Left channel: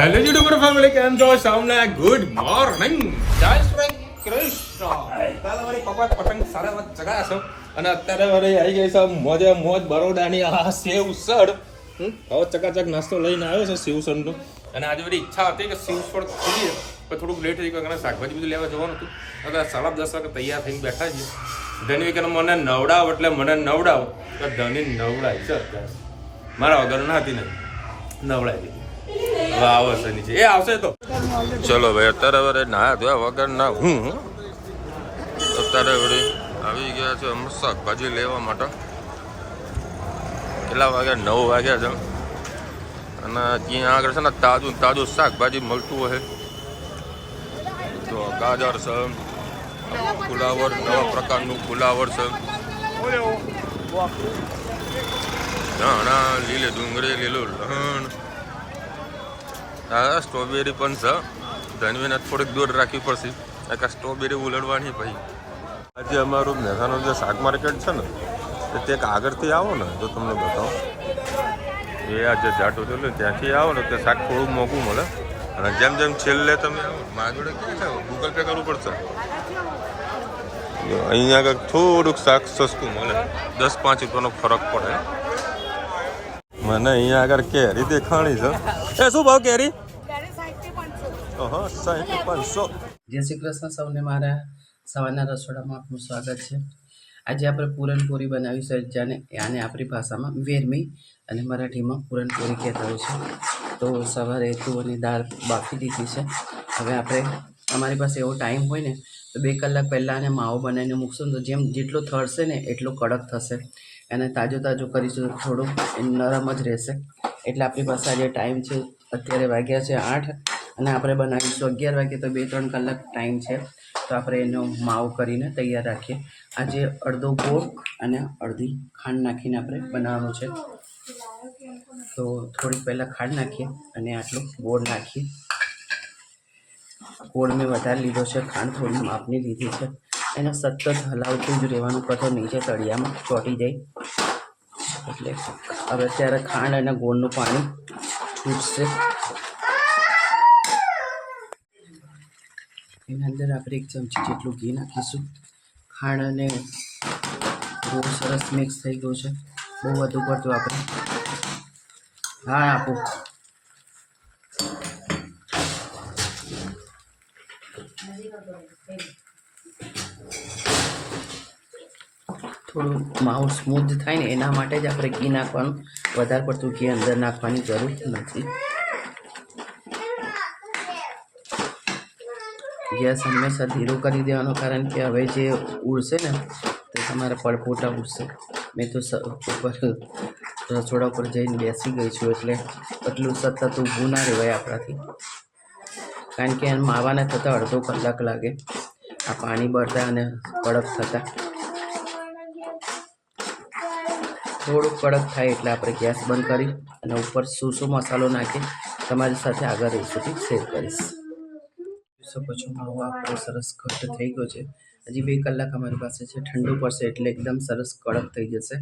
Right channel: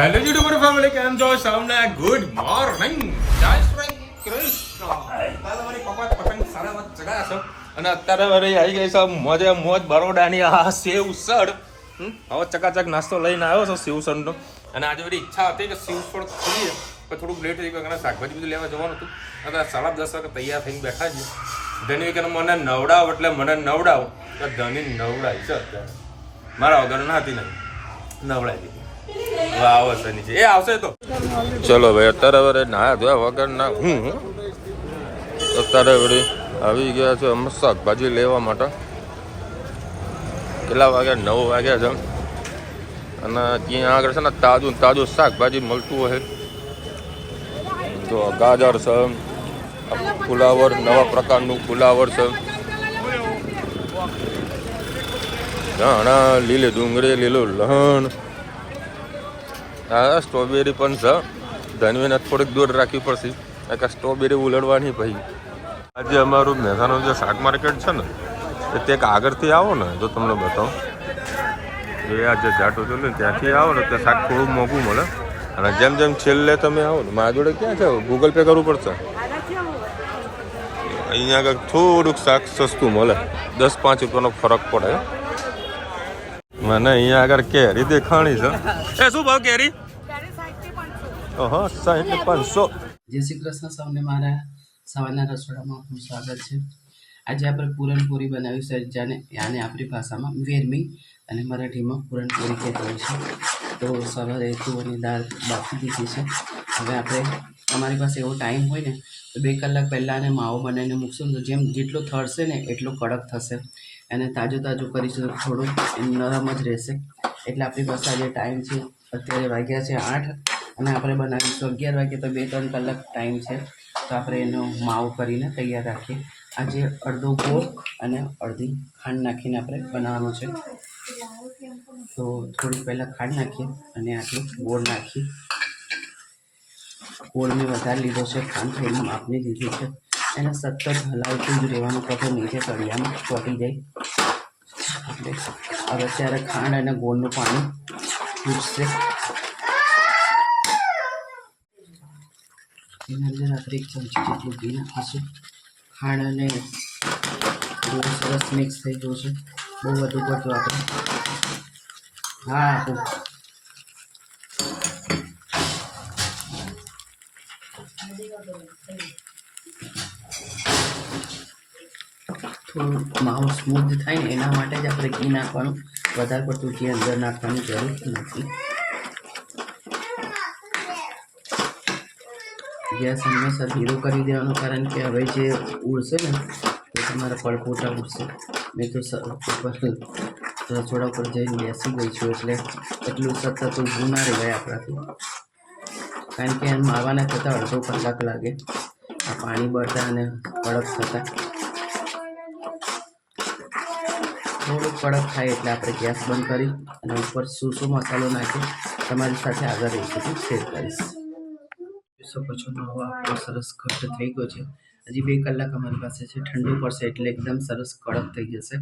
Hello YouTuber family, કેમ છો? સૌને ગુડ મોર્નિંગ, જય શ્રી કૃષ્ણ. તારા મારી કપાટ પતંગ સારા વાત ચગાયા છો અને અત્યારે મારી આવી ગઈ છે મોજે મોજ બરોડાની આ સેવસળ. હવે ચકાચક નાસ્તો લઈને આવ્યો છું સેવસળનો. અને આજે બધી ઈચ્છા હતી કે સેવસળ ખોલીએ પણ થોડુંક લેટ થઈ ગયું કારણ શાકભાજી બધું લેવા જવાનું હતું. અત્યારે 10:30 વાગે તૈયાર થઈને બેઠા છીએ. ધની કે મને નવડાવ એટલે મને નવડાવ તો ધની નવડાય છે અત્યારે. મારા વગર નાતી નહીં નવડાવી દીધી. વાવ છે નીચે એ આવશે તો ચલો ભાઈ. અત્યારે હવે નાયા ધોયા વગર ના અત્યારે વળી આવી ગયા છે અમે શાકભાજી લેવા માટે. કેટલા વાગ્યા? 9 વાગ્યા છે. અને ત્યાં આગળ છે ને તાજું તાજું શાકભાજી મળતું હોય. તો ગાજર છે, ફુલાવર, નવા પ્રકારનું ફુલાવર છે, ધાણા, લીલી ડુંગળી, લીલું લહણ. હા, સ્ટ્રોબેરી પણ છે. ધનવીને થોડીક દૂર રાખવી પડશે કારણ કે સ્ટ્રોબેરી ઉલડવાની. પછી આજે અમારું મહેસાણાનું જે શાક માર્કેટ છે ને તે આગળથી આવો ને જો તમને બતાવો, એ આ જે જાટો છે ને ત્યાંથી આવો ને તે શાક થોડું મોંઘું મળે. અને જેમ જેમ છેલ્લે તમે આવો ને મારા જોડે ક્યાં છે ગૂગલ પે કરવું પડશે. અહીંયા આગળ થોડુંક શાક સસ્તું મળે, 10-5 રૂપિયાનો ફરક પડે. મને અહીંયા આગળ કેરી દેખાણી છે. એ શું ભાવ કેરી? 60-500. જય શ્રી કૃષ્ણ સૌને. મારા સવારના રસોડામાં આપનું સ્વાગત છે. આજે આપણે પૂરણપોળી બનાવી છે, જેને આને આપણી ભાષામાં વેરમી અને મરાઠીમાં પૂરણપોળી કહેતા હોય છે. તો સવારે તુવેરની દાળ બાફી દીધી છે. હવે આપણે અમારી પાસે એવો ટાઈમ હોય ને તો 2 કલાક પહેલાં આને માવો બનાવીને મૂકશું ને તો જેટલો થરશે ને એટલો કડક થશે. અને તાજું કરીશું થોડું નરમ જ રહેશે. એટલે આપણી પાસે આજે ટાઈમ છે. અત્યારે વાગ્યા છે 8 અને આપણે બનાવીશું 11 વાગે. તો 2-3 કલાક ટાઈમ છે. તો આપણે એનો માવો કરીને તૈયાર રાખીએ. આજે અડધો ગોળ અને અડધી ખાંડ નાખીને આપણે બનાવવાનું છે. તો થોડીક પહેલાં ખાંડ નાખીએ અને આટલું ગોળ નાખીએ. ગોળ મેં વધારે લીધો છે, ખાંડ થોડી માપની લીધી છે. એને સતત હલાવતું જ રહેવાનું, કથો નીચે તળિયામાં ચોંટી જાય. એટલે હવે ત્યારે ખાંડ અને ગોળનું પાણી ફૂટશે. એના અંદર આપણે 1 ચમચી જેટલું ઘી નાખીશું. ખાંડ અને ગોળ સરસ મિક્સ થઈ ગયું છે. બહુ વધુ પડતું આપણે હા આપો. થોડું માવો સ્મૂથ થાય ને એના માટે જ આપણે ઘી નાખવાનું. વધારે પડતું ઘી અંદર નાખવાની જરૂર નથી. ગેસ હંમેશા ધીરો કરી દેવાનો, કારણ કે હવે જે ઉડશે ને તે તમારા પડપોટા ઉડશે. મેં તો ઉપર રસોડા ઉપર જઈને બેસી ગઈ છું એટલે એટલું સતત ઊભું ના રહેવાય આપણાથી, કારણ કે માવાના થતાં અડધો કલાક લાગે આ પાણી બળતા અને કડક થતાં. થોડુંક કડક થાય એટલે આપણે ગેસ બંધ કરી અને ઉપર શું મસાલો નાખી તમારી સાથે આગળ રેસીપી શેર કરીશ. શકો છો માવો આપણો સરસ ઘટ્ટ થઈ ગયો છે. હજી 2 કલાક અમારી પાસે છે. ઠંડુ પડશે એટલે એકદમ સરસ કડક થઈ જશે.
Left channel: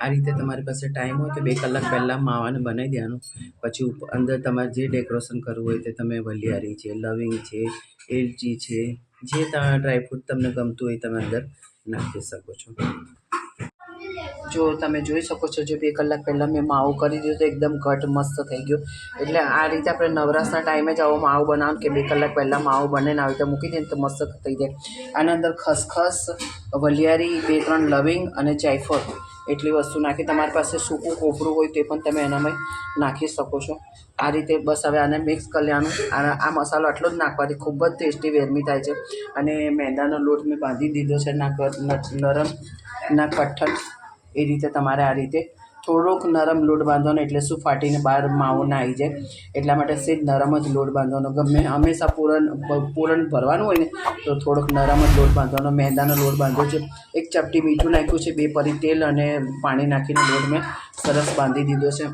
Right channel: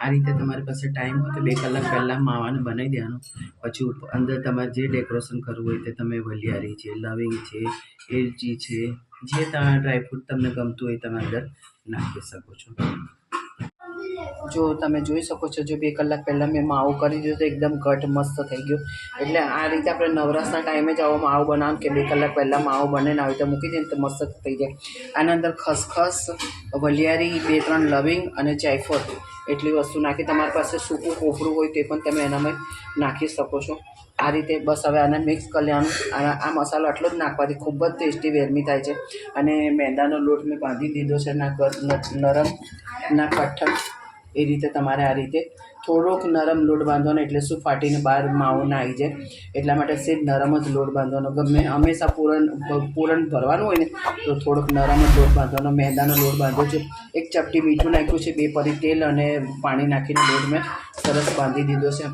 આ રીતે તમારી પાસે ટાઈમ હોય તો 2 કલાક પહેલાં માવાને બનાવી દેવાનું. પછી અંદર તમારે જે ડેકોરેશન કરવું હોય તે તમે વલિયારી છે, લવિંગ છે, એલચી છે, જે તમારા ડ્રાયફ્રૂટ તમને ગમતું હોય તમે અંદર નાખી શકો છો. જો તમે જોઈ શકો છો, જો 2 કલાક પહેલાં મેં માવો કરી દીધો તો એકદમ ઘટ મસ્ત થઈ ગયો. એટલે આ રીતે આપણે નવરાશના ટાઈમે જ આવો માવો બનાવવાનું કે 2 કલાક પહેલાં માવો બને આવી રીતે મૂકી દઈએ તો મસ્ત થઈ જાય. આના અંદર ખસખસ, વલિયારી, 2-3 લવિંગ અને જાયફળ એટલી વસ્તુ નાખી. તમારી પાસે સૂકું કોપરું હોય તે પણ તમે એનામાં નાખી શકો છો. આ રીતે બસ હવે આને મિક્સ કરી લેવાનું. આ મસાલો આટલો જ નાખવાથી ખૂબ જ ટેસ્ટી વેરમી થાય છે. અને મેંદાનો લોટ મેં બાંધી દીધો છે, ના નરમ ના કઠણ. એ રીતે તમારે આ રીતે થોડોક નરમ લોટ બાંધવાનો, એટલે શું ફાટીને બહાર માવો ના આવી જાય. એટલા માટે સેજ નરમ જ લોટ બાંધવાનો. ગમે હંમેશા પૂરણ ભરવાનું હોય ને તો થોડોક નરમ જ લોટ બાંધવાનો. મેંદાનો લોટ બાંધ્યો છે, 1 ચપટી મીઠું નાખ્યું છે, 2 પરી તેલ અને પાણી નાખીને લોટ મેં સરસ બાંધી દીધો છે.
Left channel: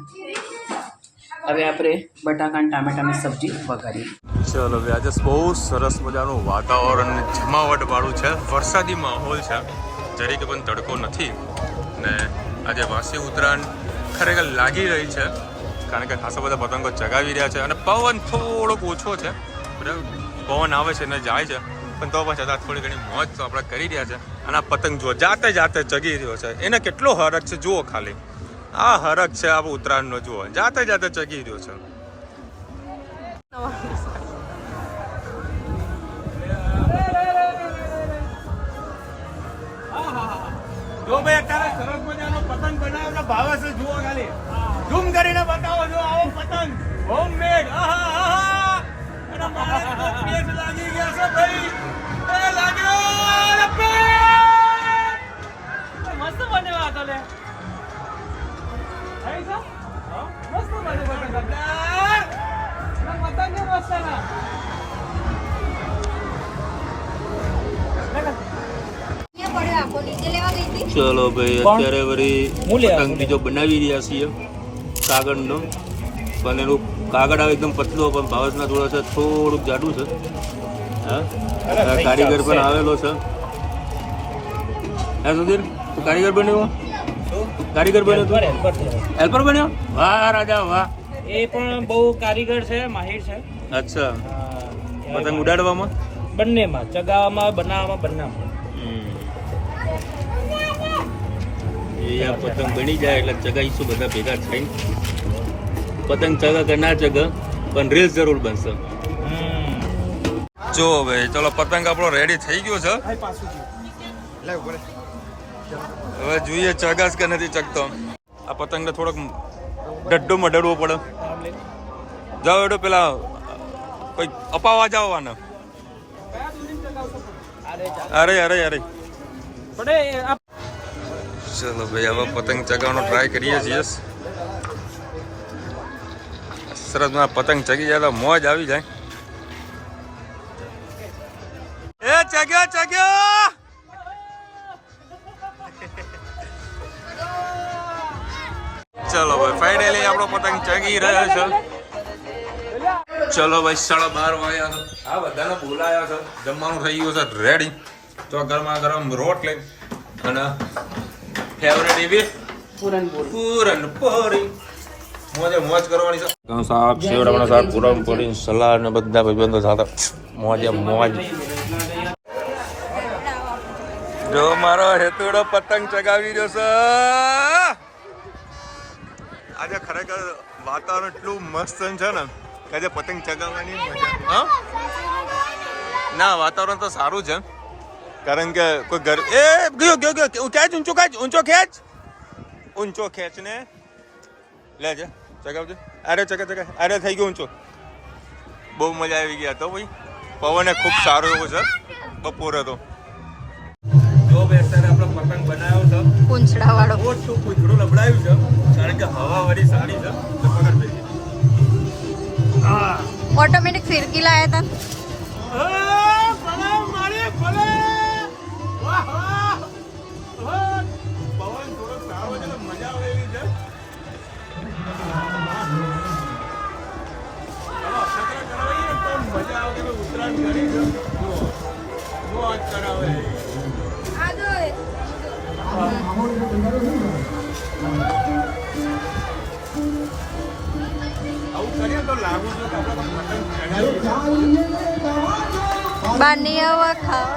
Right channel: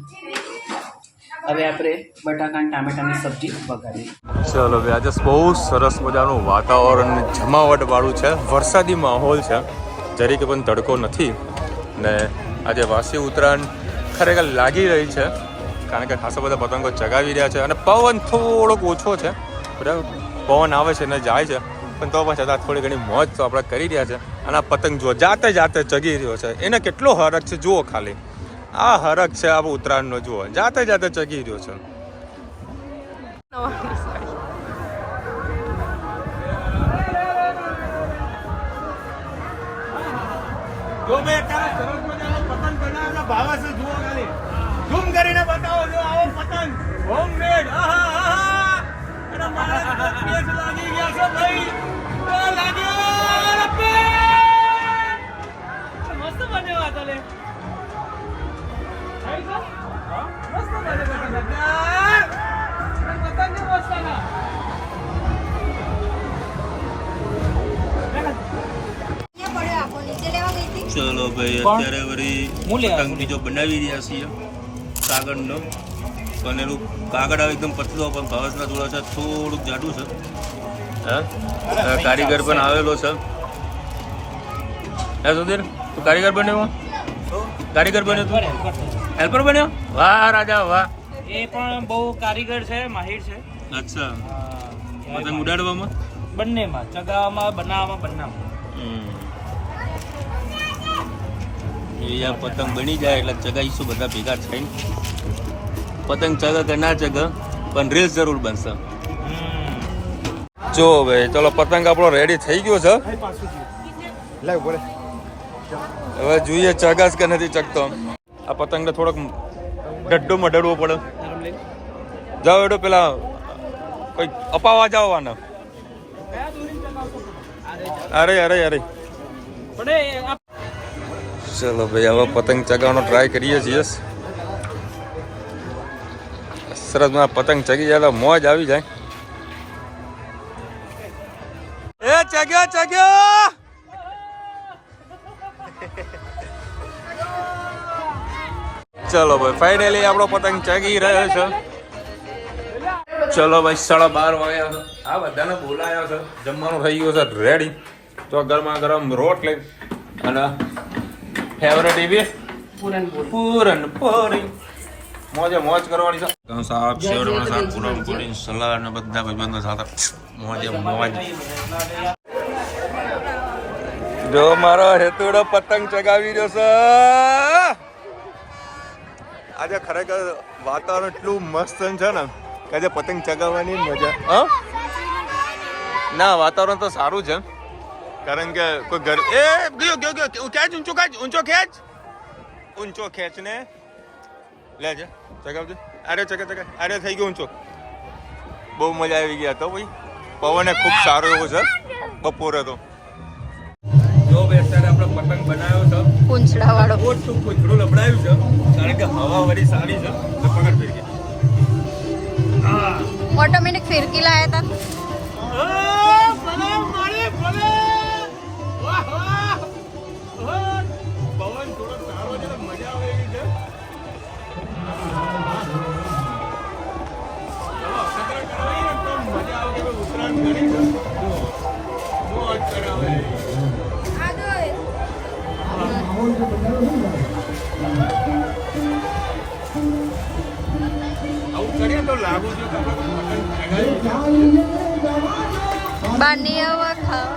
હવે આપણે બટાકા અને ટામેટાની સબ્જી વઘારીએ. ચલો ભાઈ, આજે બહુ સરસ મજાનું વાતાવરણ જમાવટવાળું છે. વરસાદી માહોલ છે, જરીકે પણ તડકો નથી. ને આજે વાસી ઉત્તરાયણ ખરેખર લાગી રહી છે. કારણ કે ખાસા બધા પતંગો ચગાવી રહ્યા છે અને પવન થોડોક ઓછો છે, બરાબર. પવન આવે છે ને જાય છે, પણ તો પણ છતાં થોડી ઘણી મોજ તો આપણે કરી રહ્યા છે. અને આ પતંગ જુઓ જાતે જાતે ચગી રહ્યો છે, એને કેટલો હરખ છે જુઓ ખાલી. આ હરખ છે આ ઉત્તરાયણનો, જુઓ જાતે જાતે ચગી રહ્યો છે. જો ભાઈ અત્યારે સરસ મજાનો પતંગ બનાવેલો ભાવે છે, જુઓ ખાલી ઝૂમ કરીને બતાવો. જો આવો પતંગ હોમમેડ, અને મારા પેજ લાગી ગયા છે ભાઈ, લાગ્યો મસ્ત બન્યો આ તો લે. મસ્ત બને પતંગ મસ્ત ના. ચલો ભાઈ, અત્યારે વળી પતંગ બીજો બનાવી રહ્યા છીએ કાગળનો, પણ એનું કાગળ આવે એકદમ પતલું, પણ ભાવસના થોડા છે થોડુંક જાડું છે. હા, કારીગર પણ આવેલો છે. હે સુધીર, તું કારીગર બન્યો? કારીગર બન્યો તું? હેલ્પર બન્યો? વાહ રાજા વાહ. એ પણ બહુ કારીગર છે, માહિર છે. અચ્છા, પતંગ ઉડાડવામાં બંનેમાં, ચગાવવામાં, બનાવવામાં, બંનેમાં. એ આ પતંગ બની જાય એટલે ચગાઈશું બધા ભેગા થઈને. પતંગ ચગા કે ના ચગા, પણ રીલ્સ જરૂર બનશે. જો ભાઈ ચલો, પતંગ આપણો રેડી થઈ ગયો છે. હવે જોઈએ ચગાસ કે નથી ચગતો. આ પતંગને થોડોક ડડ્ડો મડડવો પડે. જાઓ એડો પેલા કોઈ અપાવા જવાના. અરે અરે અરે ચલો ભાઈ, હવે પતંગ ચગાવવાનો ટ્રાય કરીએ છીએ. સરસ પતંગ ચગી જાય તો મોજ આવી જાય. એ ચગ્યો ચગ્યો. ચલો ભાઈ, ફાઇનલી આપણો પતંગ ચગી રહ્યો છે. ચલો ભાઈ, 12:30 વાગ્યા. આ બધાને બોલાયા છે, જમવાનું થઈ ગયું છે રેડી. તો ગરમા ગરમ રોટલી અને ફેવરેટ એવી પૂરણપોળી. મોજે મોજ કરવાની છે. શાક, સેવડાનું શાક, પૂરણપોળી, સલાડ ને બધા ભાઈબંધો સાથે મોજે મોજ. જો મારો હેતુડો પતંગ ચગાવી રહ્યો છે. આજે ખરેખર વાતાવરણ એટલું મસ્ત છે ને કે આજે પતંગ ચગાવવાની મજા. હા ના, વાતાવરણ તો સારું છે, કારણ કે કોઈ ઘર એ ગયો ગયો ગયો ખેંચ, ઊંચો ખેંચ ને લેજે ચગાવજો. અરે ચગા ચગા, અરે થઈ ગયો ઊંચો. બહુ મજા આવી ગયા તો ભાઈ. પવન ખૂબ સારો એવો છે બપોરે તો. જો ભાઈ, અત્યારે આપણે પતંગ બનાવ્યો છે પૂંછડા વાળો. ઓછું પૂંછડું લબડાયું છે, કારણ કે હવા વળી સારી છે તો પકડ થઈ ગઈ. ઓટોમેટિક ફિરકી લાયા હતા. પવન થોડો સારો છે, મજા આવે એવી છે. મજા આવે, ઉત્તરાયણ કરી છે. જો મોજ કરાવે. આવું કરીએ તો લાગુ છું કે આપણે પતંગ ચગાવી. બારની હવા ખાઓ.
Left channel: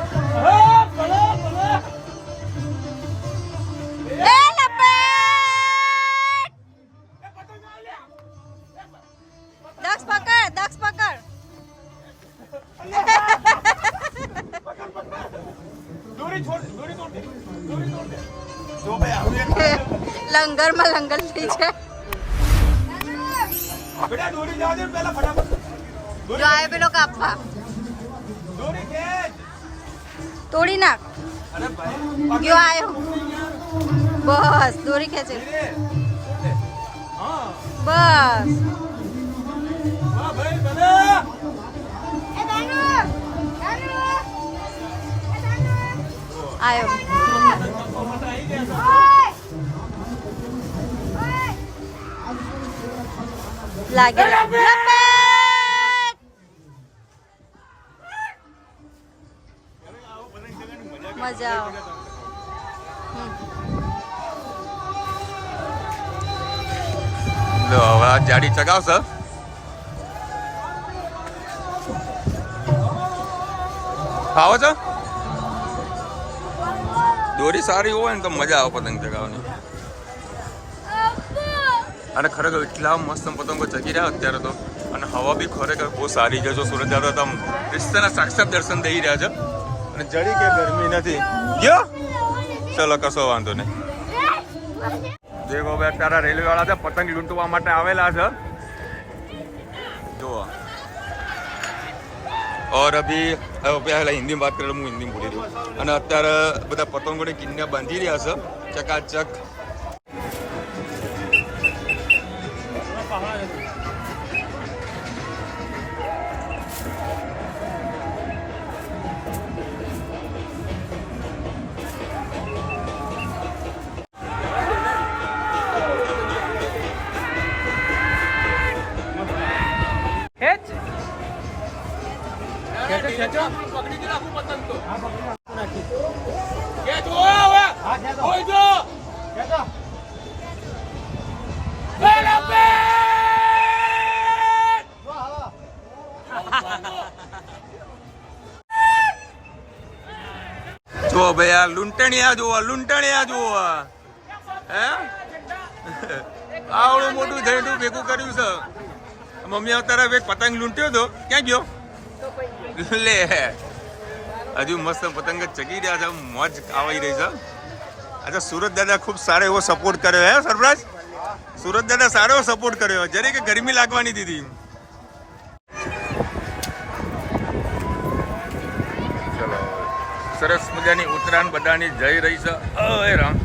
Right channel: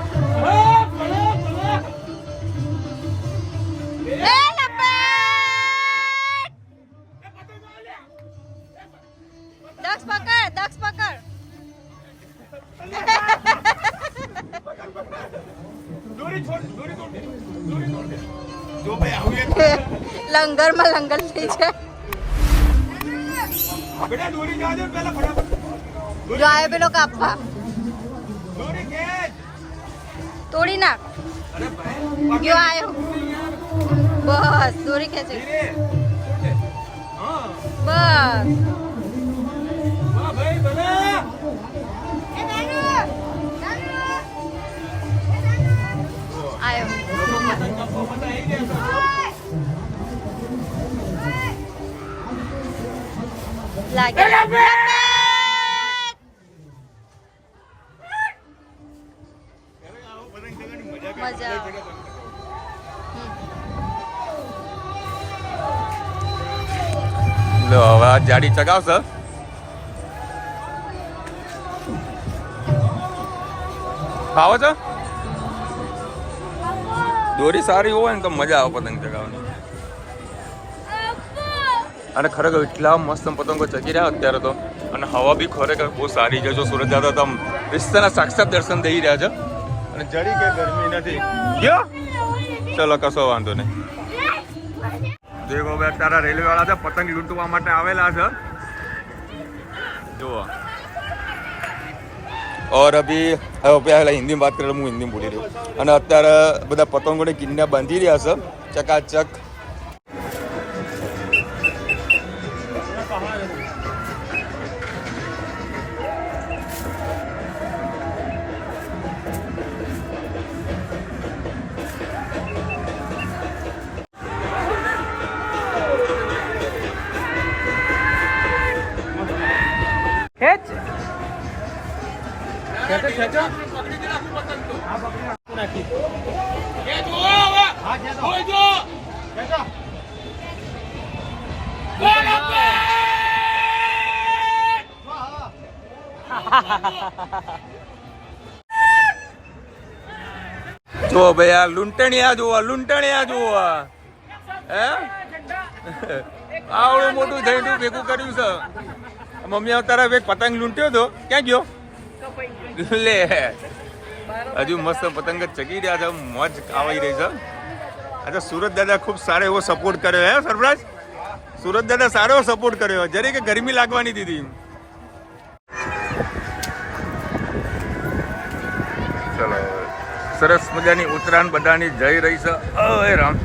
દક્ષ પકડ, દક્ષ પકડ. લંગરમાં લંગર થઈ છે. જો આવે પેલો કાપવા, તોડી નાખ. જો આવ્યો, બસ દોરી ખેંચે, બસ. આવ્યો. લાગે મજા આવે. હવે હાથ જાડી ચગાવશે. આવો છો? દોરી સારી હોય ને તો મજા આવે પતંગ ચગાવવાની. અને ખરેખર એટલા મસ્ત પતંગો ચગી રહ્યા અત્યારે તો. અને હવા બી ખરેખર બહુ સારી છે. જો સુરત જાવ તો આમ વિસ્તારના સાક્ષાત દર્શન થઈ રહ્યા છે. અને જડી કે ગરમી નથી ગયો. ચલો કશો વાંધો નહીં. દેખો ભાઈ અત્યારે રેલવે વાળા છે પતંગ લૂંટવા માટે આવેલા છે. જુઓ. और अभी પહેલા હિન્દીમાં વાત કરે હું હિન્દીમાં બોલી રહ્યો. અને અત્યારે બધા પતંગોને કિન્યા બાંધી રહ્યા છે ચકાચક. જો ભાઈ આ લૂંટણિયા જુઓ લૂંટણિયા જુઓ. હે આવડું મોટું ઝંડું ભેગું કર્યું છે. મમ્મી અવતારા એક પતંગ લૂંટ્યો હતો. ક્યાં ગયો લે? હજુ મસ્ત પતંગ જ ચગી રહ્યા છે. મોજ આવી રહી છે. अच्छा सूरत दादा खूब सारे वो सपोर्ट करे है सरफराज. सूरत दादा सारो सपोर्ट કર્યો. જરી કે ગરમી લાગવાની દીધી. ચલો સરસ મજાની ઉત્તરાયણ બધાની જઈ રહી છે. અરે રામ.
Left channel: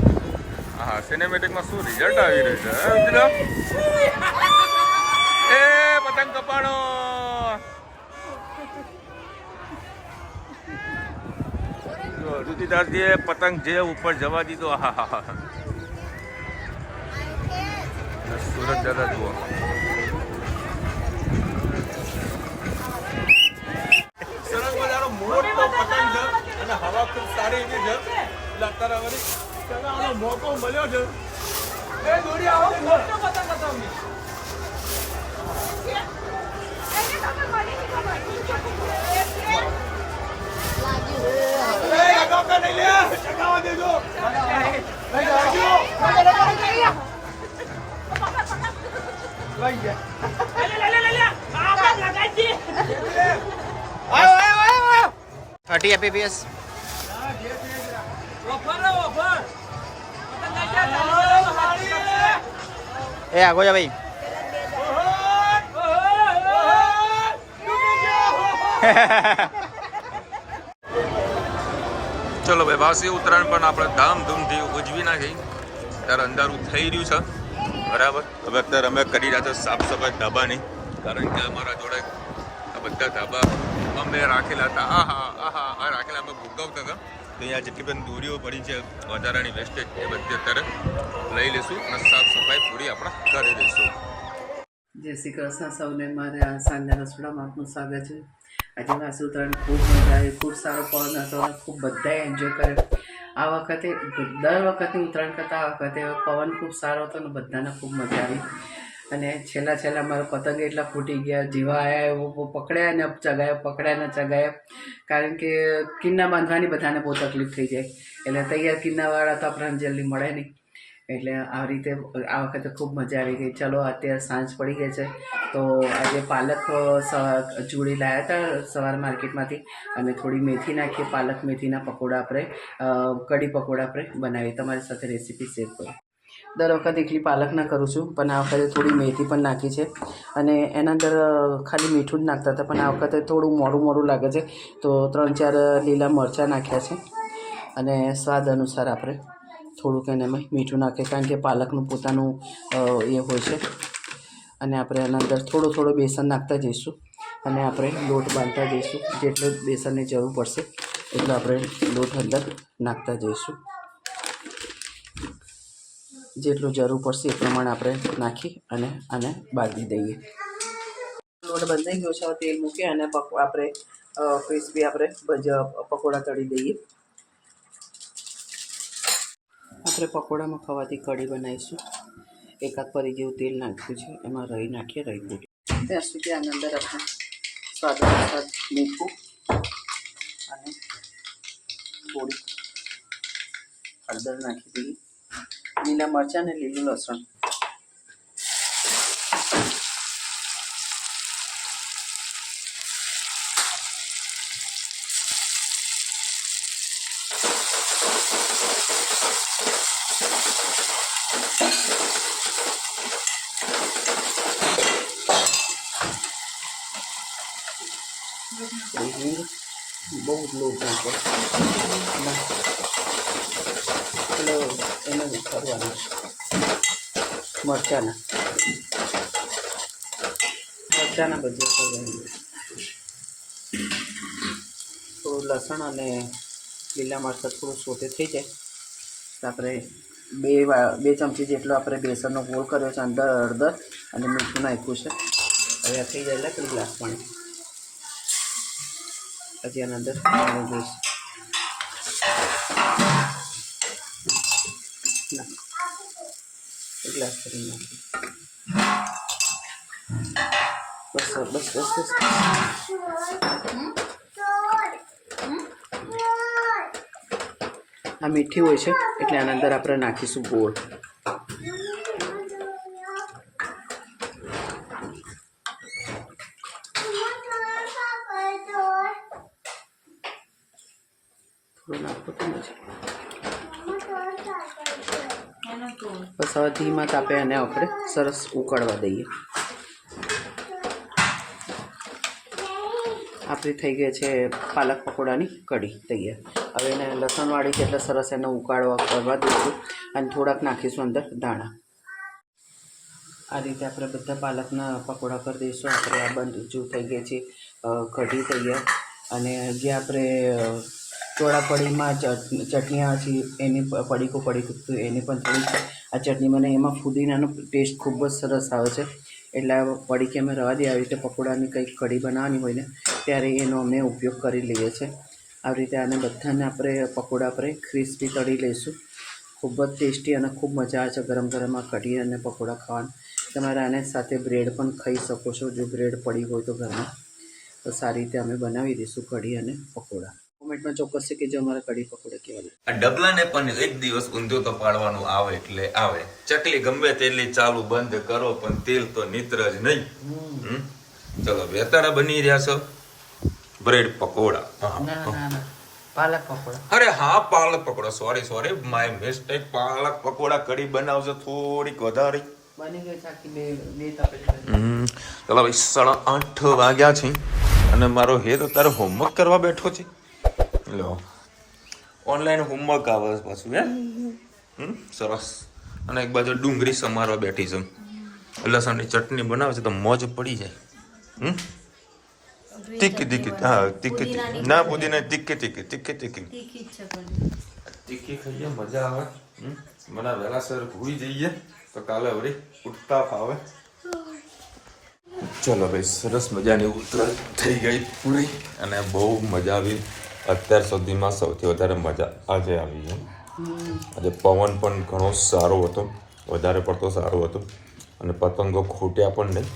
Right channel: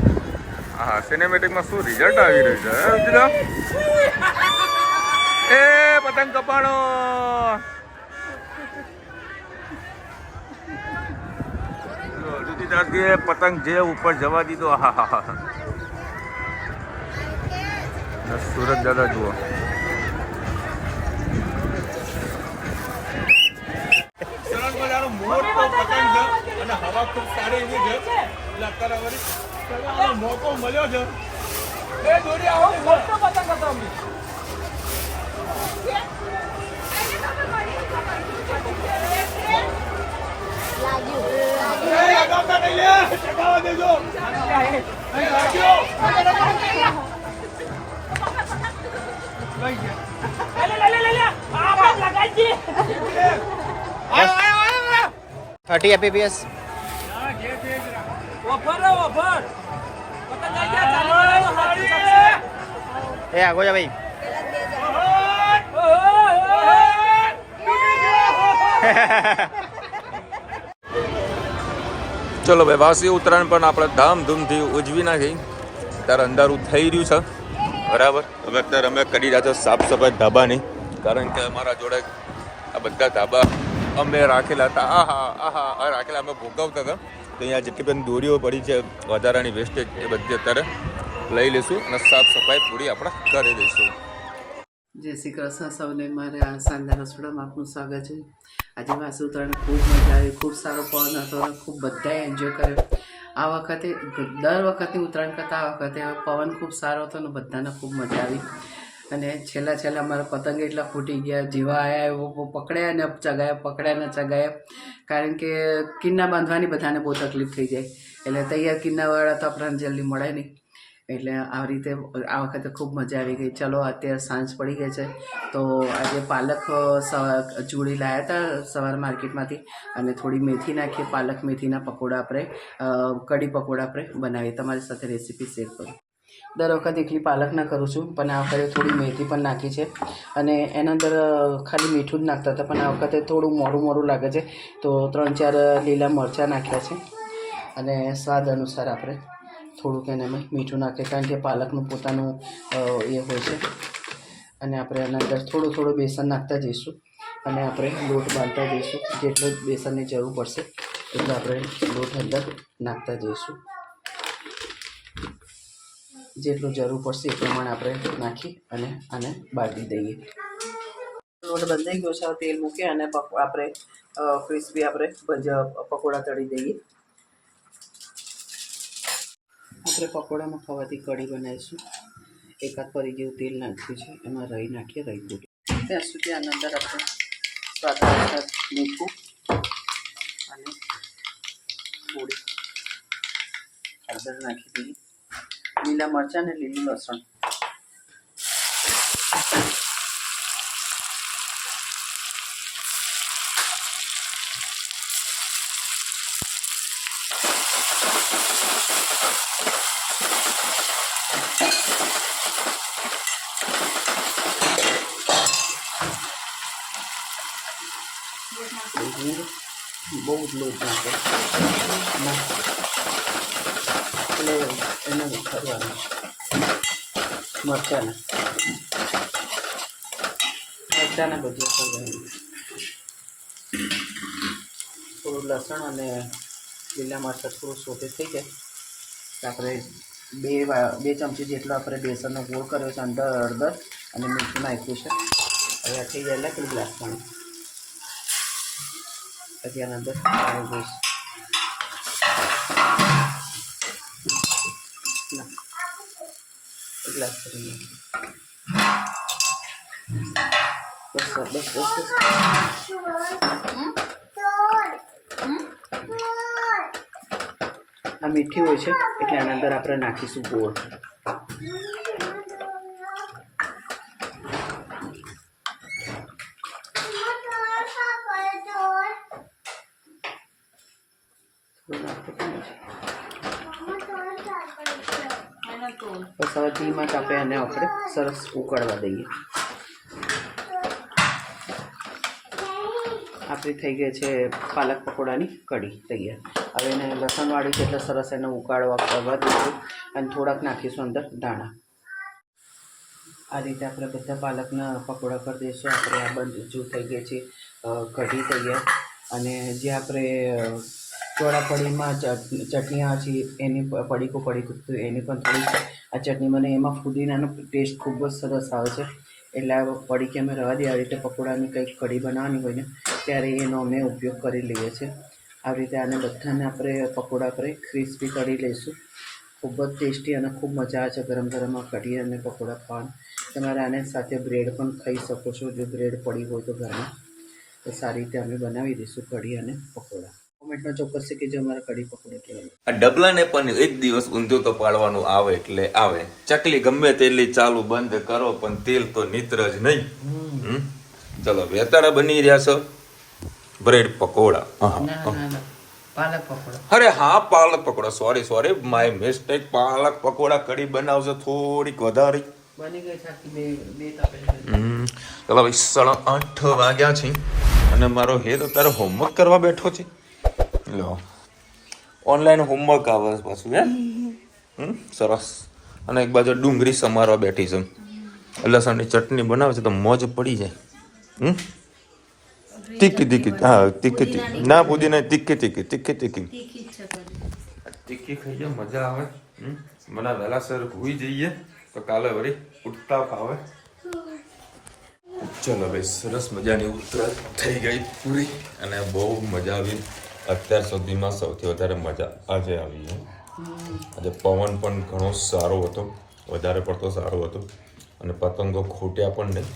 હા સિનેમેટિકમાં શું રિઝલ્ટ આવી રહ્યું છે. એ પતંગ કપાણો. દૂધીદારજીએ પતંગ જે ઉપર જવા દીધો. હા હા હા. સુરત દાદા જુઓ. સરસ મજાનો મોટો પતંગ છે અને હવા ખૂબ સારી એવી છે. એટલે અત્યારે વળી ચગાવવાનો મોકો મળ્યો છે. એ દોડી આવો મોટો પતંગ હતો. ચગાવવા દેજો. थर्टी एपीपीएस ए आगो जा भाई. ચલો ભાઈ વાસી ઉત્તરાયણ પણ આપણે ધામધૂમથી ઉજવી નાખી. ત્યારે અંધારું થઈ રહ્યું છે બરાબર. હવે અત્યારે અમે કરી રહ્યા છો સાફ સફાઈ ધાબાની. કારણ કે અમારા જોડે આ બધા ધાબા અમે રાખેલા હતા. આહા રાખેલા અમે ભોગવતા હતા. તો અહીંયા જેટલી પણ દોરીઓ પડી છે વધારાની વેસ્ટેજ એ બધી અત્યારે લઈ લઈશું અને સાફ સફાઈ પૂરી આપણે કરી દઈશું. જય શ્રી કૃષ્ણ સૌને. મારે આ સાંજના રસોડામાં આપનું સ્વાગત છે. આજે વાસી ઉત્તરાયણ ખૂબ મજા આવી. ખૂબ સારો પવન હતો અને ખૂબ બધાએ એન્જોય કર્યો. આ વખતે દર વખતની ઉત્તરાયણ કરતાં આ વખતે પવન ખૂબ સારો હતો અને બધાને ખૂબ મજા આવી. અને છેલ્લા મારા પતંગ એટલા ફૂટી ગયા. જેવા આવ્યા એવો પકડ્યા ને ચગાયા, પકડ્યા ને ચગાયા. કારણ કે કિન્ના બાંધવાની બધાને બહુ તકલીફ થઈ જાય. એટલે તૈયાર કિન્નાવાળા તો આપણને જલ્દી મળે નહીં. એટલે આ રીતે આ વખતે ખૂબ મજા આવી ગઈ. ચલો અત્યારે સાંજ પડી ગઈ છે તો આજે પાલક ચૂડી લાવ્યા હતા સવારે માર્કેટમાંથી. અને થોડી મેથી નાખીએ. પાલક મેથીના પકોડા આપણે કઢી પકોડા આપણે બનાવીએ. તમારી સાથે રેસીપી શેર કરું. દર વખત એકલી પાલક ના કરું છું પણ આ વખતે થોડી મેથી પણ નાખી છે. અને એના અંદર ખાલી મીઠું જ નાખતા હતા પણ આ વખતે થોડું મોરું લાગે છે તો 3-4 લીલા મરચાં નાખ્યા છે. અને સ્વાદ અનુસાર આપણે થોડુંક એનામાં મીઠું નાખીએ કારણ કે પાલકનું પોતાનું એ હોય છે. અને આપણે એના અંદર થોડું બેસન નાખતા જઈશું અને આપણે લોટ બાંધતા જઈશું. જેટલો બેસનની જરૂર પડશે એટલે આપણે લોટ અંદર નાખતા જઈશું. જેટલું જરૂર પડશે એ પ્રમાણે આપણે નાખી અને આને બાંધી દઈએ. લોટ બંધાઈ ગયો છે. તેલ મૂકી અને આપણે ક્રિસ્પી આપણે પકોડા તળી દઈએ. આપણે પકોડામાં ખાવાથી કઢી બનાવીશું. એકાદ પરી જેવું તેલ નાખ્યું છે, એમાં રહી નાખીએ, રહી પૂરી. ત્યાં સુધી આની અંદર આપણે સ્વાદ અનુસાર મીઠું અને થોડી હળદર નાખી દઈએ, લીલા મરચાં અને લીલું લસણ. બહુ જ લોટ નાખો એટલે એને કરવાનું મરચાંના ભજીયા કરવાનું. થોડું લસણ અને લીલા મરચાં થોડું સોતે થઈ જાય તો આપણે બે ચમચી જેટલો આપણે બેસનનો ગોળ કર્યો છે, અંદર હળદર અને મીઠું નાખ્યું છે. હવે આ થઈ જાય એટલે પેલું ગ્લાસ પાણી, પછી આની અંદર પાણી દઈશ. એક ગ્લાસ કરી નાખીએ. બસ બસ બસ બસ. આ મીઠી હોય છે એટલે આની અંદર આપણે નાખીશું ગોળ. બસ હવે ધીમા તાપે એને આપણે સરસ ઉકળવા દઈએ. આપણી થઈ ગઈ છે પાલક પકોડાની કઢી તૈયાર. હવે એને લસણવાળી છે એટલે સરસ એને ઉકાળવા કરવા દઈશું અને થોડાક નાખીશું અંદર દાણા. આ રીતે આપણે બધા પાલકના પકોડા કરી દઈશું. આપણે આ બધું થઈ ગઈ છે કઢી તૈયાર. અને જે આપણે ચોળાફળીમાં ચટણી આવે છે એની પડીકું એની પણ થોડી આ ચટણી બને, એમાં ફુદીનાનો ટેસ્ટ ખૂબ જ સરસ આવે છે. એટલે આ પડીકી અમે રવા દઈએ. આવી રીતે પકોડાની કંઈક કઢી બનાવવાની હોય ને ત્યારે એનો અમે ઉપયોગ કરી લઈએ છીએ. આવી રીતે આને બધાને આપણે પકોડા આપણે ક્રિસ્પી કરી લઈશું. ખૂબ જ ટેસ્ટી અને ખૂબ મજા આવે છે ગરમ ગરમ આ કઢી અને પકોડા ખાવાની. તમારે આને સાથે બ્રેડ પણ ખાઈ શકો છો, જો બ્રેડ પડી હોય તો ઘરમાં. તો સારી રીતે અમે બનાવી દઈશું કઢી અને પકોડા. કોમેન્ટમાં ચોક્કસ છે કે જે અમારા કઢી પકોડા કેવા લાગે. આ ડબલાને પણ એક દિવસ ઊંધિયું તો પાડવાનું આવે એટલે આવે. ચકલી ગમે તેટલી ચાલુ બંધ કરો પણ તેલ તો નીતર જ નહીં. ચલો વેતાળા બની રહ્યા છો બ્રેડ પકોડા. પાલક પકોડા. અરે હા પાલક પકોડા, સોરી માય મિસ્ટેક. પાલક પકોડા કઢી બનાવજો થોડીક વધારે. બની ગઈ છે બે ચલો ભાઈ 8:30 વાગ્યા છે અને મારો હેત અત્યારે હોમવર્ક કરવા બેઠો છે. લો ઓનલાઈન હોમવર્ક આવે પાછું સરસ. અને એક બાજુ ડુંગળી સમારવા બેઠી છે. લસણની ચટણી બનાવે છે તો મોજ પડી જાય. તીખી હા તીખી ના પુદીના તીખી ખાઈએ મજા આવે. મને વહેલાસર હોઈ જઈએ તો કાલે વળી ઉઠતા ફાવે. ચલો ભાઈ સરસ મજાની ઉતરાણ થઈ ગઈ પૂરી અને બહુ મજા આવી. અત્યાર સુધીમાં સૌથી વધારે મજા આજે આવી છે. આજે પવન પણ ઘણો સારો હતો, વધારે પડતો સારો હતો અને પતંગો ખૂટ્યા પણ નહીં.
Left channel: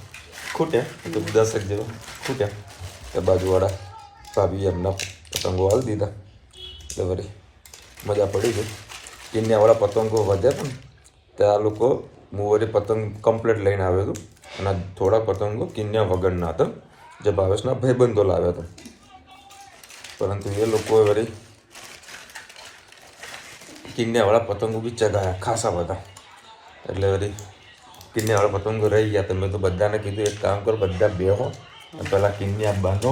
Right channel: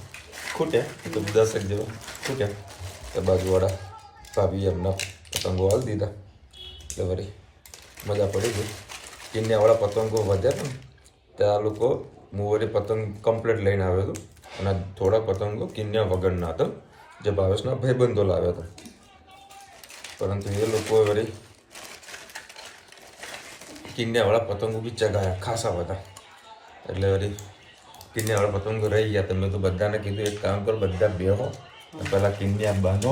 ખૂટ્યા તો 10 જેવા ખૂટ્યા. એ બાજુવાળા ભાભી એમના પતંગો હાલ દીધા એટલે વળી મજા પડી ગઈ. કિન્યાવાળા પતંગો વધ્યા હતા ને ત્યાં લોકો હું વળી પતંગ કમ્પ્લીટ લઈને આવ્યો હતો અને થોડા પતંગો કિન્યા વગરના હતા જે ભાવેશના ભાઈબંધો લાવ્યા હતા. પરંતુ એ લોકોએ વળી કિન્યાવાળા પતંગો બી ચગાવ્યા ખાસા બધા. એટલે વળી કિન્યાવાળા પતંગો રહી ગયા. તો મેં તો બધાને કીધું એક કામ કરો, બધા બેહો પહેલાં કિન્યા બાંધો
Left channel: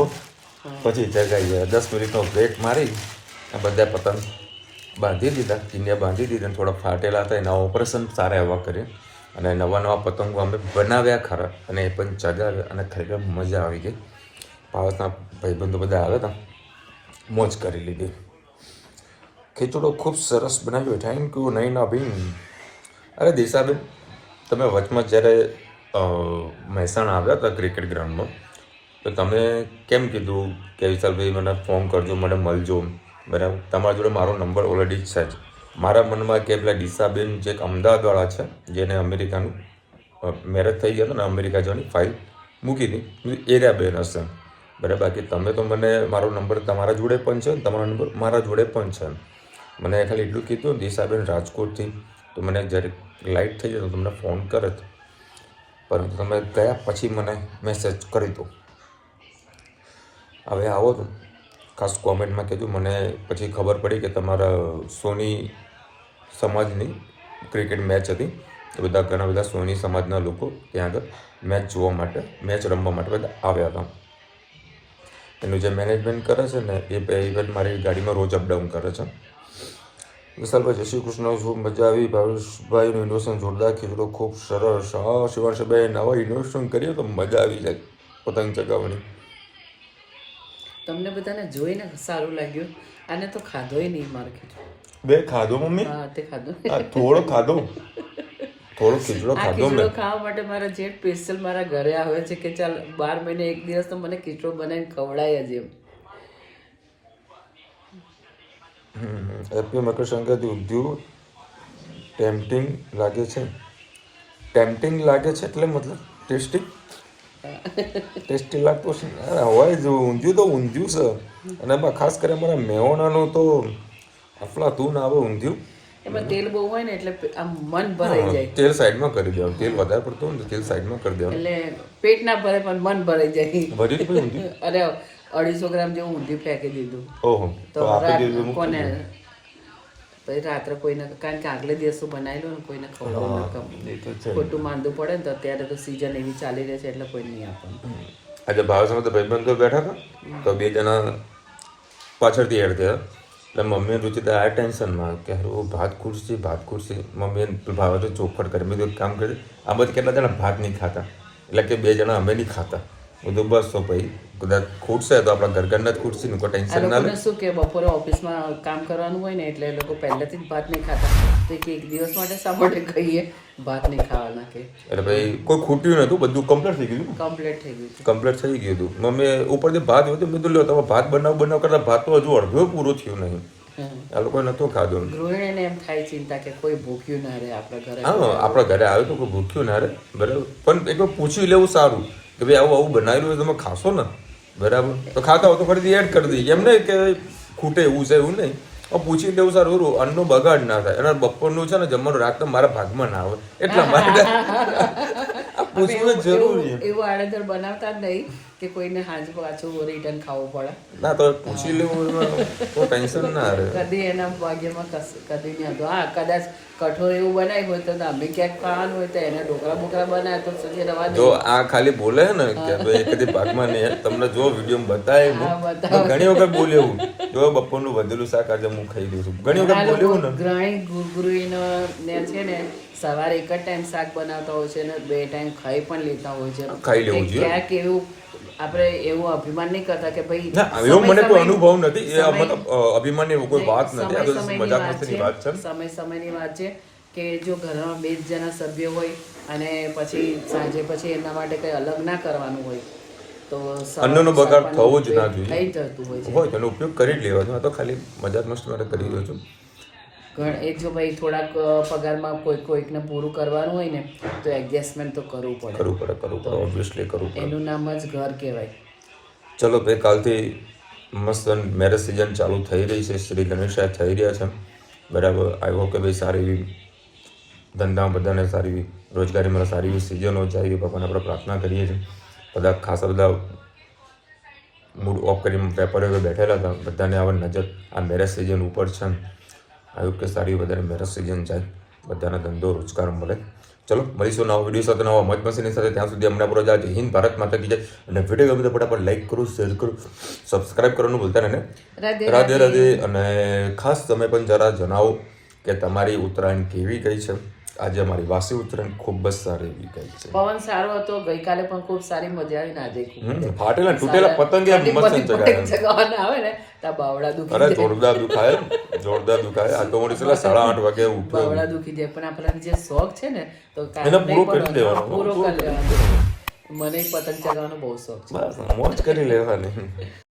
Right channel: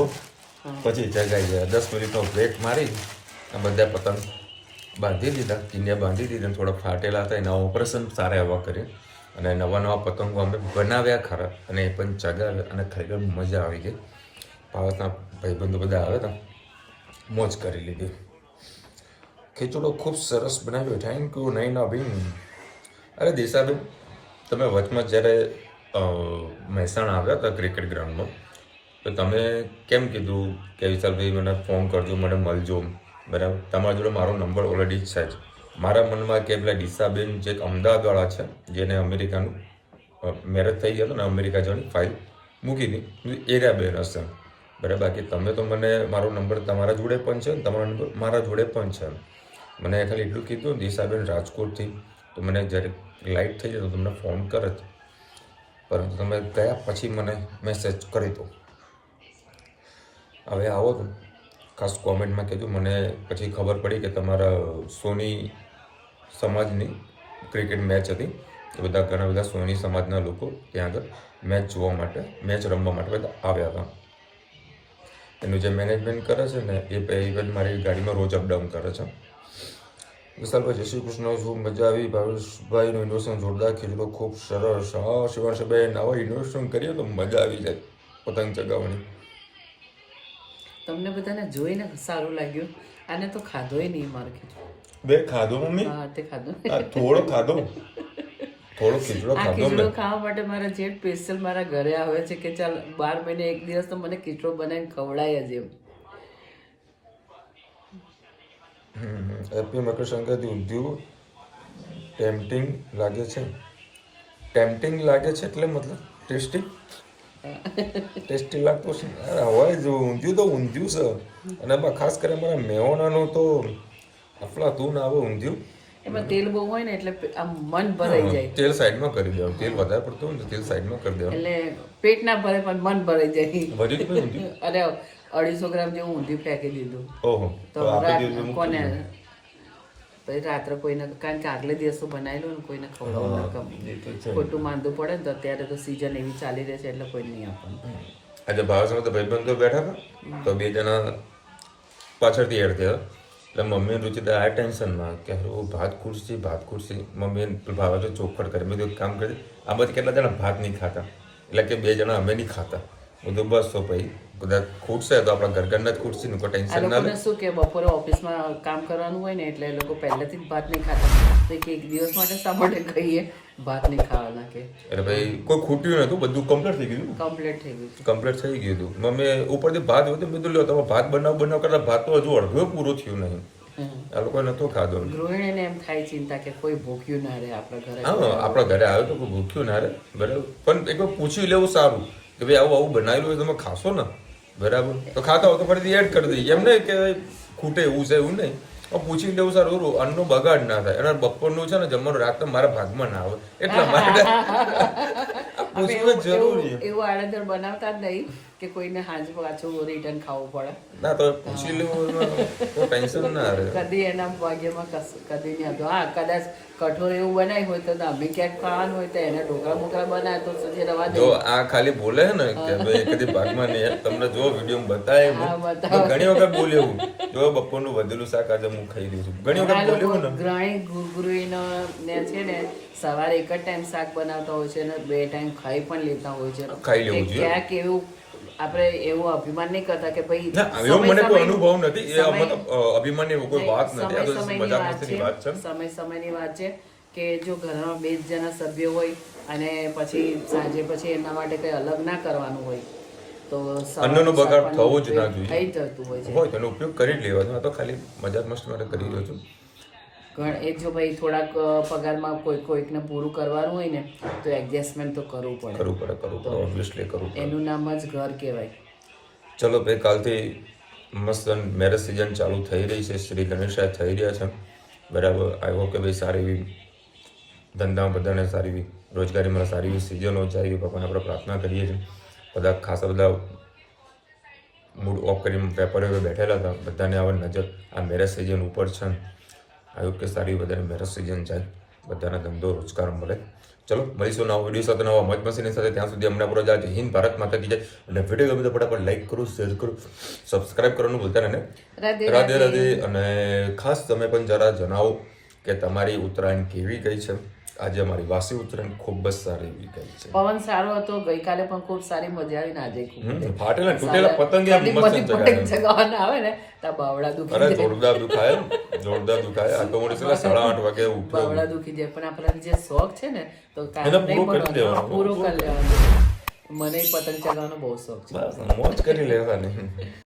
પછી ચગાવી જાય. 10 મિનિટનો બ્રેક મારી બધા પતંગ બાંધી દીધા, કિન્યા બાંધી દીધા. થોડા ફાટેલા હતા એના ઓપરેશન સારા એવા કર્યા અને નવા પતંગો અમે બનાવ્યા ખરા અને એ પણ ચગાવ્યા અને ખરેખર મજા આવી ગઈ. ભારતના ભાઈબંધો બધા આવ્યા હતા, મોજ કરી લીધી. ખીચડો ખૂબ સરસ બનાવ્યો. થેન્ક યુ નૈના બેન. અરે દિશાબેન તમે વચમાં જ્યારે મહેસાણા આવ્યા હતા ક્રિકેટ ગ્રાઉન્ડમાં તો તમે કેમ કીધું કે વિશાલભાઈ મને ફોન કરજો, મને મળજો, બરાબર? તમારા જોડે મારો નંબર ઓલરેડી છે જ મારા મનમાં કે પેલા ડીસાબેન જે એક અમદાવાદવાળા છે જેને અમેરિકાનું મેરેજ થઈ ગયા હતા ને અમેરિકા જવાની ફાઇલ મૂકી હતી એરિયા બેન હશે બરાબર. બાકી તમે તો મને મારો નંબર તમારા જોડે પણ છે ને તમારો નંબર મારા જોડે પણ છે. મને ખાલી એટલું કીધું દિશાબેન રાજકોટથી તો મને જ્યારે લાઇટ થઈ જાય તો તમને ફોન કરે પરંતુ તમે ગયા પછી મને મેસેજ કરી દો. હવે આવો તો ખાસ કોમેન્ટમાં કીધું મને પછી ખબર પડી કે તમારા સોની સમાજની ક્રિકેટ મેચ હતી તો બધા ઘણા બધા સોની સમાજના લોકો ત્યાં આગળ મેચ જોવા માટે મેચ રમવા માટે બધા આવ્યા હતા. એનું જે મેનેજમેન્ટ કરે છે ને એ મારી ગાડીમાં રોજ અપડાઉન કરે છે. વિશાલભાઈ જય શ્રી કૃષ્ણ, ખૂબ મજા આવી. ભાવેશભાઈનું ઇન્વેસ્ટમેન્ટ જોરદાર, ખીચડો ખૂબ સરસ. હા શિવાંશભાઈ આવા ઇન્વેસ્ટમેન્ટ કરીએ તો મજા આવી જાય પતંગ ચગાવવાની. તમને બધાને જોઈને સારું લાગ્યું. આને તો ખાધોય નહીં મારો ખીચડો. બે ખાધો મમ્મી? હા તે ખાધો. થોડો ખાધો, થોડો ખીચડો ખાધો. ખીચડો ખાવા માટે મારા જે સ્પેશિયલ મારા ઘરે આવે છે કે ચાલ 12 મહિને એક દિવસ તો મને ખીચડો બનાવીને ખવડાય જ એમ. હેપી મકર સંક્રાંતિ. ઊંધિયું ટેમ્પટિંગ લાગે છે. ટેમ્પટિંગ લાગે છે એટલે મતલબ ટેસ્ટી ટેસ્ટી લાગતું છે. અરે હોય જ ઊંધિયું તો ઊંધિયું છે. અને એમાં ખાસ કરીને મારા મેહોણાનું તો અફલાતૂન આવે ઊંધિયું. એમાં તેલ બહુ હોય ને એટલે આમ મન ભરાઈ જાય. તેલ સાઈડમાં કરી દેવાનું. તેલ વધારે પડતું હોય ને તેલ સાઈડમાં કરી દેવાનું એટલે પેટ ના ભરે પણ મન ભરાઈ જાય. ભરી જ ઊંધિયું. અરે 250 ગ્રામ જેવું ઊંધિયું ફેંકી દીધું. ઓહો તો કોને પછી રાત્રે કોઈને કારણ કે આગલે દિવસો બનાવી લો ને કોઈને ખવડાવવું ગમે. ખોટું માંદું પડે ને તો અત્યારે તો સિઝન એવી ચાલી રહે છે એટલે કોઈ નહીં આપવાનું. આજે ભાવ સાથે ભાઈબંધો બેઠા હતા તો 2 જણા પાછળથી એડ થયા એટલે મમ્મી રુચિતા આ ટેન્શનમાં કે હારું ભાત ખુરશી મમ્મી ભાવ તો ચોખવટ કરે. મેં એક કામ કરે આ બધા કેટલા જણા ભાત નહીં ખાતા એટલે કે 2 જણા અમે નહીં ખાતા. બધું બસ તો ભાઈ કદાચ ખૂટશે તો આપણા ઘરના જ ખૂટશે ને કોઈ ટેન્શન ના લે. શું કે બપોરે ઓફિસમાં કામ કરવાનું હોય ને એટલે એ લોકો પહેલેથી જ ભાત નહીં ખાતા તો એક દિવસ માટે શા માટે કહીએ ભાત નહીં ખાવાના છે. એટલે ભાઈ કોઈ ખૂટ્યું નતું, બધું કમ્પ્લીટ થઈ ગયું. કમ્પ્લીટ થઈ ગયું. કમ્પ્લીટ થઈ ગયું હતું. મમ્મી ઉપરથી ભાત હતું મેં તો લ્યો તમે ભાત બનાવ કરતા ભાત તો હજુ અડધો પૂરો થયું નહીં. આ લોકોએ નતું ખાધું. ગૃહિણીને એમ થાય ચિંતા કે કોઈ ભૂખ્યું ના રહે આપણા ઘરે. હા આપણા ઘરે આવ્યું તો કોઈ ભૂખ્યું ના રહે બરાબર. પણ એકવાર પૂછી લેવું સારું કે ભાઈ આવું બનાવેલું હોય તમે ખાશો ને બરાબર તો ખાતા હો તો ફરીથી એડ કરી દઈએ. એમ નહીં કે ખૂટે એવું છે એવું નહીં. પૂછી લેવું સારું અન્નનો બગાડ ના થાય. અને બપોરનું છે ને જમવાનું રાત મારા ભાગમાં ના આવે એટલા માટે પૂછવું જરૂરી. એવું આડેધડ બનાવતા જ નહીં કે કોઈને હાજ પાછું રિટર્ન ખાવું પડે. ના તો પૂછી લેવું તો ટેન્શન ના રહે. કદી એના ભાગ્યમાં કદી નહીં હતું. હા કદાચ કઠોળ એવું બનાવ્યું હોય તો અમે ક્યાંક ખાવાનું હોય તો એને ઢોકળા બોકળા બનાવે તો સુધી રવા દે. જો આ ખાલી બોલે ને કે ભાઈ કદી ભાગમાં નહીં તમને જો વિડીયો બતાવ્યું ઘણી વખત બોલ્યું જો બપોરનું વધેલું શાક આજે હું ખાઈ દઉં છું. ઘણી વખત બોલ્યું ને ગૃહિણીનો છે ને સવારે એક જ ટાઈમ શાક બનાવતા હોય છે અને 2 ટાઈમ ખાઈ પણ લેતા હોય છે. ખાઈ લેવું જોઈએ. ક્યાંક એવું આપણે એવું અભિમાન નહીં કરતા કે ભાઈ એવો મને કોઈ અનુભવ નથી. એ મતલબ અભિમાન એવું કોઈ વાત નથી. આ તો મજાક મસ્તીની વાત છે. સમયની વાત છે કે જો ઘરમાં 2 જણા સભ્યો હોય અને પછી સાંજે પછી એના માટે કંઈ અલગ ના કરવાનું હોય તો અન્નનો બગાડ થવો જ ના જોઈએ. થઈ જતું હોય તેનો ઉપયોગ કરી જ લેવાનો. તો ખાલી મજાક મસ્તી માટે કરી રહ્યો છું. એક જો ભાઈ થોડાક પગારમાં કોઈકને પૂરું કરવાનું હોય ને તો એડજસ્ટમેન્ટ તો કરવું પડે. ઓબ્વિયસલી કરવું પડે. એનું નામ જ ઘર કહેવાય. ચલો ભાઈ કાલથી મસ્ત મેરેજ સિઝન ચાલુ થઈ રહી છે. શ્રી ગણેશાય થઈ રહ્યા છે બરાબર. આઈ હોપ કે ભાઈ સારી એવી ધંધા બધાને સારી એવી રોજગારીમાં સારી એવી સિઝનો જાય એવી ભગવાન આપણે પ્રાર્થના કરીએ છીએ. બધા ખાસા બધા મૂડ ઓફ કરીને વેપારીઓ બેઠેલા હતા બધાને આવા નજર આ મેરેજ સિઝન ઉપર છે. આવ્યું કે સારી બધાને મેરેજ સિઝન જાય બધાના ધંધો રોજગાર મળે. ચલો મળીશું નવા વિડીયો સાથે નવા મોજ મસ્તીની સાથે. ત્યાં સુધી અમને પૂરો જય હિન્દ ભારત માતા કી જય. અને વિડીયો ગમે તો ફટાફટ લાઈક કરો, શેર કરો, સબસ્ક્રાઈબ કરવાનું ભૂલતા નહીં. રાધે રાધે. અને ખાસ તમે પણ જરા જણાવો કે તમારી ઉત્તરાયણ કેવી ગઈ છે. આજે અમારી વાસી ઉત્તરાયણ ખૂબ જ સારી એવી ગઈ છે. પવન સારો હતો ગઈકાલે પણ ખૂબ સારી મજા આવી ને આજે ફાટેલા તૂટેલા પતંગે ચગાવવાના આવે ને તો બાવડા દુખી. અરે જોરદાર દુખાય. આ તો મોડી 8:30 વાગે ઉઠ્યો. બાવડા દુખી જાય પણ આપણા જે શોખ છે ને તો એને પૂરો કરી દેવાનો. પૂરો કરી લેવાનો. મને પતંગ ચગાવવાનો બહુ શોખ છે. બસ મોજ કરી લેવાની.